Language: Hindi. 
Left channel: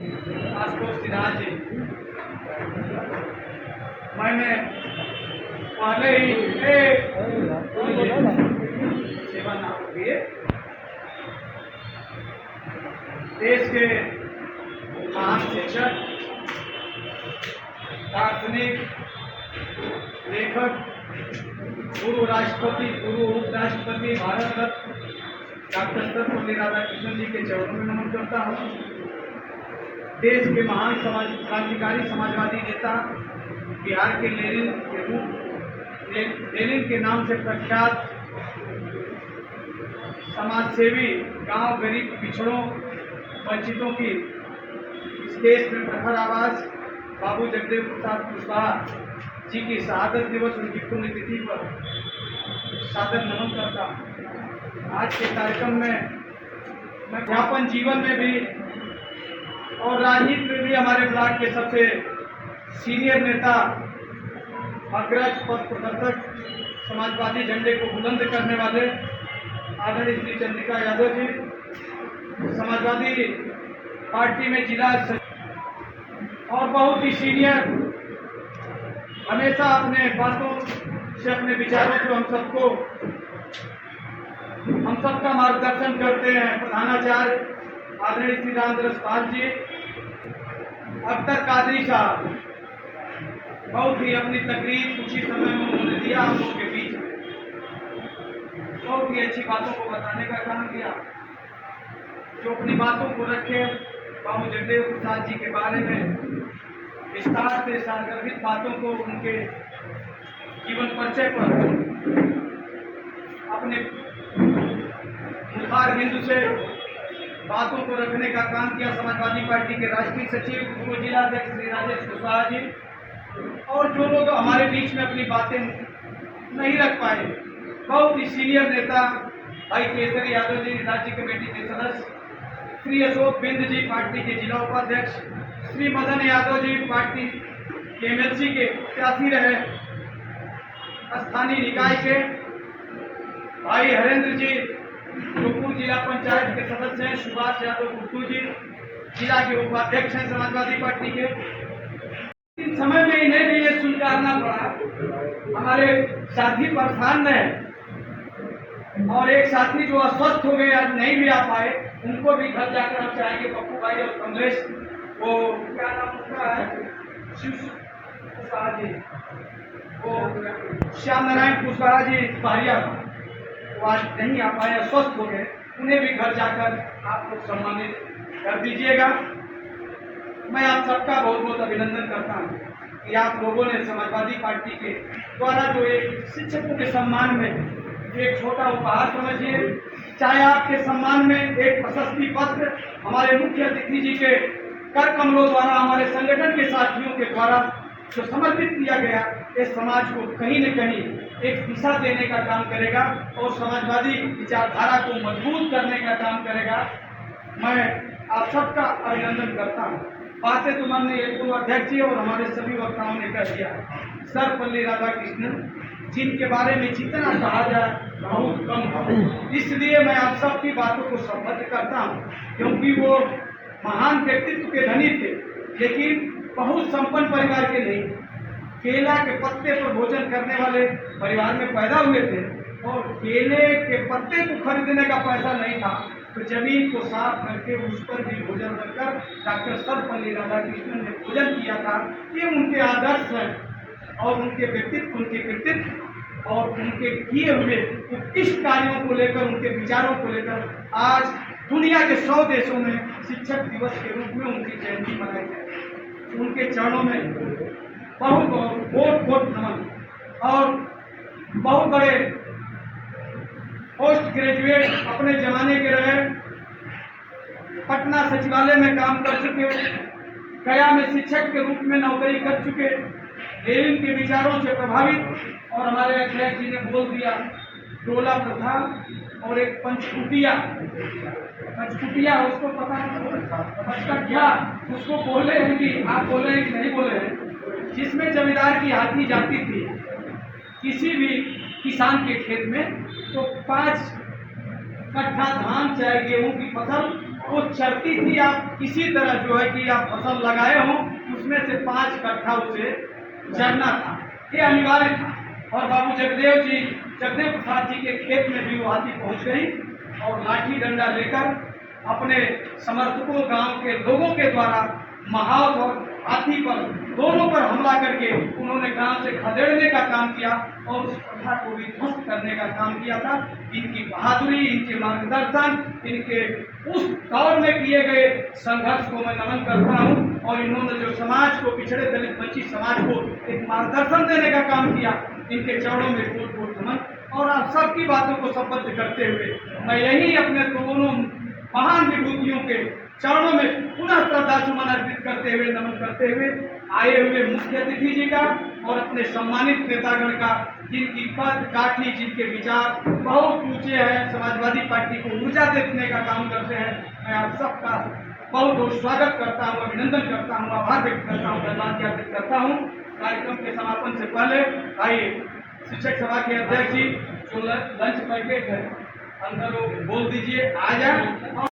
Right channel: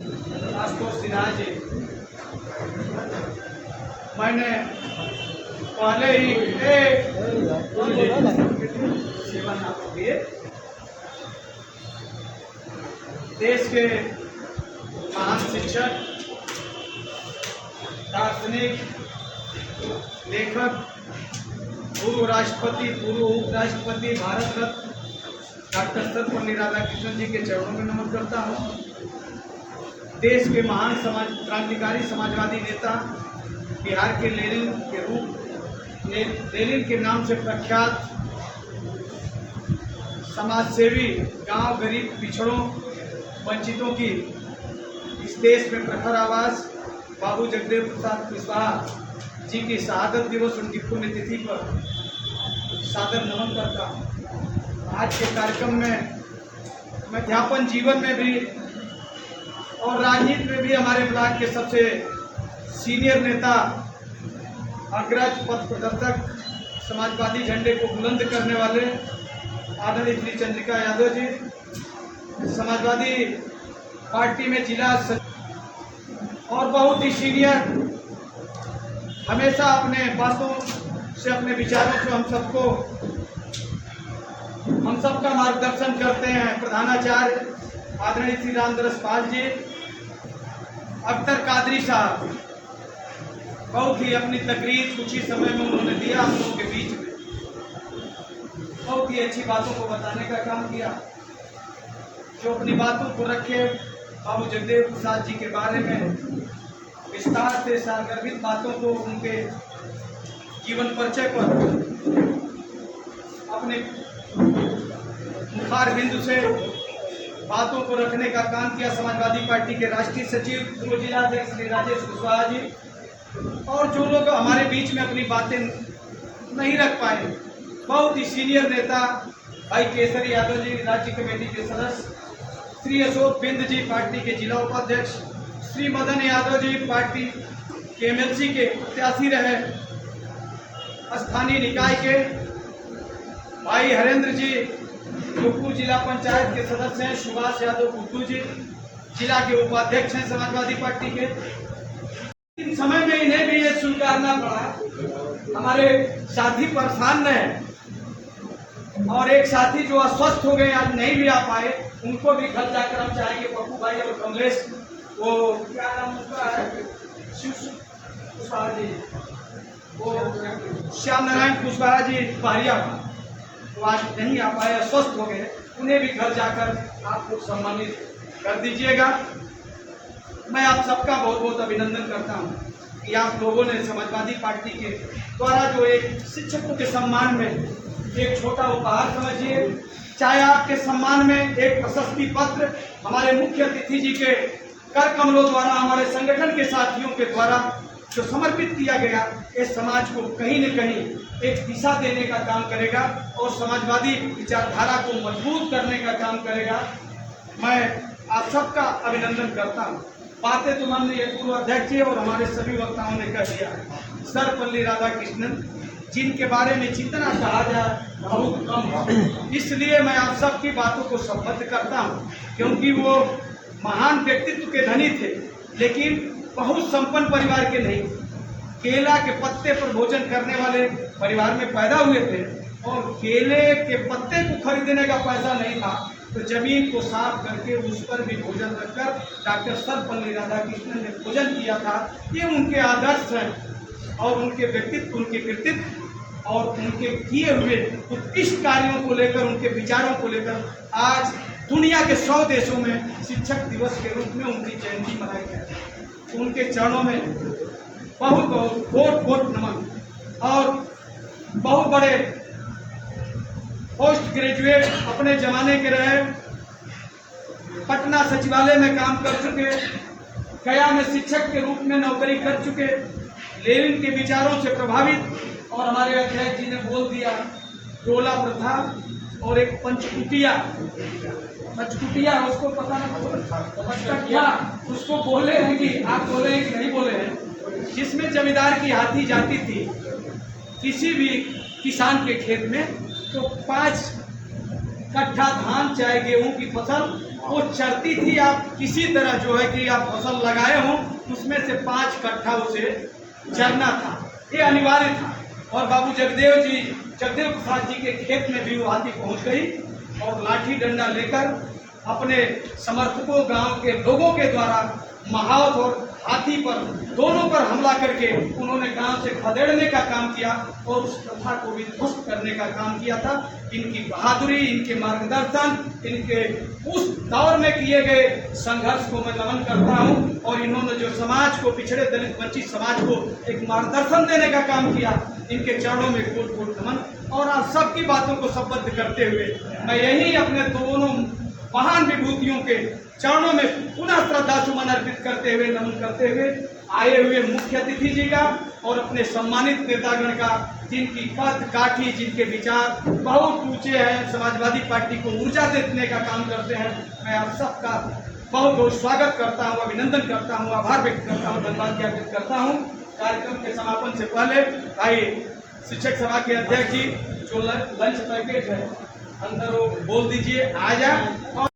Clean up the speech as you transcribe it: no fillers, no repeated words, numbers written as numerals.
आशुतोष सिन्हा जी, मैंने पहले ही सेवा नाम दिए देश के महान शिक्षक, दार्शनिक, लेखक, पूर्व राष्ट्रपति, पूर्व उपराष्ट्रपति, भारत रत्न डॉक्टर सर्वपल्ली राधाकृष्णन जी के चरणों में नमन करता हूँ। देश के महान क्रांतिकारी समाजवादी नेता, बिहार के लेनिन के नाम से प्रख्यात समाजसेवी, गांव गरीब पिछड़ों वंचितों की इस देश में प्रखर आवाज बाबू जगदेव प्रसाद कुशवाहा जी की शहादत दिवस, उनकी पुण्यतिथि पर सादर नमन करता हूँ। आज के कार्यक्रम में मैं अध्यापन जीवन में भी और राजनीति में भी हमारे ब्लॉक के सबसे सीनियर नेता, अग्रज पथ प्रदर्शक, समाजवादी झंडे को बुलंद करने वाले आदरणीय श्री चंद्रिका यादव जी, समाजवादी पार्टी में जिला और बहुत ही सीनियर, हमेशा अपने बातों से, अपने विचारों से हम सबका मार्गदर्शन करते हैं प्रधानाचार्य आदरणीय श्री रामदरस पाल जी, अख्तर कादरी साहब, बहुत ही अपनी तकरीर कुछ ही समय में उन्होंने दिया हम लोगों के बीच में, बहुत ही अच्छी बातों को बताने का काम किया। जो अपनी बातों को रखे, बाबू जगदेव प्रसाद जी के बारे में विस्तार से सारगर्भित बातों को, उनके जीवन परिचय पर अपने मुखार बिंदु से बातों को रखने का काम किया। समाजवादी पार्टी के राष्ट्रीय सचिव, पूर्व जिला अध्यक्ष श्री राजेश कुशवाहा जी, और जो लोग हमारे बीच में अपनी बातें नहीं रख पाए, बहुत ही सीनियर नेता भाई केसरी यादव जी, राज्य कमेटी के सदस्य, श्री अशोक बिंद जी, पार्टी के जिला उपाध्यक्ष, श्री मदन यादव जी, पार्टी के एमएलसी के प्रत्याशी रहे, स्थानीय निकाय के भाई हरेंद्र जी, जोधपुर जिला पंचायत के सदस्य हैं, सुभाष यादव गुड्डू जी, जिला के उपाध्यक्ष हैं समाजवादी पार्टी के। इन समय में इन्हें भी ये स्वीकारना पड़ा, हमारे साथी परेशान रहे और एक साथी जो अस्वस्थ हो गए, आज नहीं भी आ पाए, उनको भी घर जाकर हम चाहेंगे पप्पू भाई और कमलेश, वो क्या नाम उसका है, कुशवाहा जी, वो श्याम नारायण कुशवाहा जी पारिया, वो आज नहीं आ पाए, अस्वस्थ हो गए, उन्हें भी घर जाकर आप लोग सम्मानित कर दीजिएगा। मैं आप सबका बहुत बहुत अभिनंदन करता हूँ कि आप लोगों ने समाजवादी पार्टी के द्वारा जो एक शिक्षकों के सम्मान में एक छोटा उपहार समझिए, चाहे आपके सम्मान में एक प्रशस्ति पत्र हमारे मुख्य अतिथि जी के कर कमलों द्वारा, हमारे संगठन के साथियों के द्वारा जो समर्पित किया गया, इस समाज को कहीं न कहीं एक दिशा देने का काम करेगा और समाजवादी विचारधारा को मजबूत करने का काम करेगा। मैं आप सबका अभिनंदन करता हूँ। बातें तो माननीय पूर्व अध्यक्ष जी और हमारे सभी वक्ताओं ने कह दिया। सर्वपल्ली राधाकृष्णन जिनके बारे में जितना कहा जाए बहुत कम है, इसलिए मैं आप सबकी बातों को संबद्ध करता हूँ, क्योंकि वो महान व्यक्तित्व के धनी थे, लेकिन बहुत संपन्न परिवार के नहीं, केला के पत्ते पर भोजन करने वाले परिवार में पैदा हुए थे और केले के पत्ते को खरीदने का पैसा नहीं था, तो जमीन को साफ करके उस पर भी भोजन रखकर डॉक्टर सर्वपल्ली राधाकृष्णन ने भोजन किया था। ये उनके आदर्श हैं और उनके व्यक्तित्व, उनके कृतित्व और उनके किए हुए उत्कृष्ट कार्यों को लेकर, उनके विचारों को लेकर आज दुनिया के 100 देशों में शिक्षक दिवस के रूप में उनकी जयंती मनाई जाती है। उनके चरणों में बहुत बहुत नमन। और बहुत बड़े पोस्ट ग्रेजुएट अपने जमाने के रहे, पटना सचिवालय में काम कर चुके, गया में शिक्षक के रूप में नौकरी कर चुके, लेनिन के विचारों से प्रभावित, और हमारे अध्यक्ष जी ने बोल दिया टोला प्रथा और एक पंचकुटिया, उसको पता ना उसको बोले हैं कि आप बोले हैं कि नहीं बोले हैं, जिसमें जमींदार की हाथी जाती थी किसी भी किसान के खेत में, तो 5 कट्ठा धान चाहे गेहूं की फसल वो चरती थी। आप किसी तरह जो है कि आप फसल लगाए हों उसमें से 5 कट्ठा उसे चरना था, ये अनिवार्य था। और बाबू जगदेव प्रसाद जी के खेत में भी वो हाथी पहुंच गई और लाठी डंडा लेकर अपने समर्थकों गांव के लोगों के द्वारा महावत और हाथी पर दोनों पर हमला करके उन्होंने गांव से खदेड़ने का काम किया और उस प्रथा को भी ध्वस्त करने का काम किया था। इनकी बहादुरी, इनके मार्गदर्शन, इनके उस दौर में किए गए संघर्ष को मैं नमन करता हूं। और इन्होंने जो समाज को, पिछड़े दलित वंचित समाज को एक मार्गदर्शन देने का काम किया, इनके चरणों में कोट कोट नमन। और आज सबकी बातों को संबद्ध करते हुए मैं यही अपने दोनों महान विभूतियों के चरणों में पुनः श्रद्धा सुमन अर्पित करते हुए, नमन करते हुए आए हुए मुख्य अतिथि जी का और अपने सम्मानित नेतागण का, जिनकी कद काठी, जिनके विचार बहुत ऊंचे हैं, समाजवादी पार्टी को ऊर्जा देने का काम करते हैं, मैं आप सबका बहुत बहुत स्वागत करता हूं, अभिनंदन करता हूं, आभार व्यक्त करता हूं, धन्यवाद ज्ञापित करता हूं। कार्यक्रम के समापन से पहले आइए शिक्षक सभा के अध्यक्ष जी जो लंच पैकेट है अंदर वो बोल दीजिए आ जाए।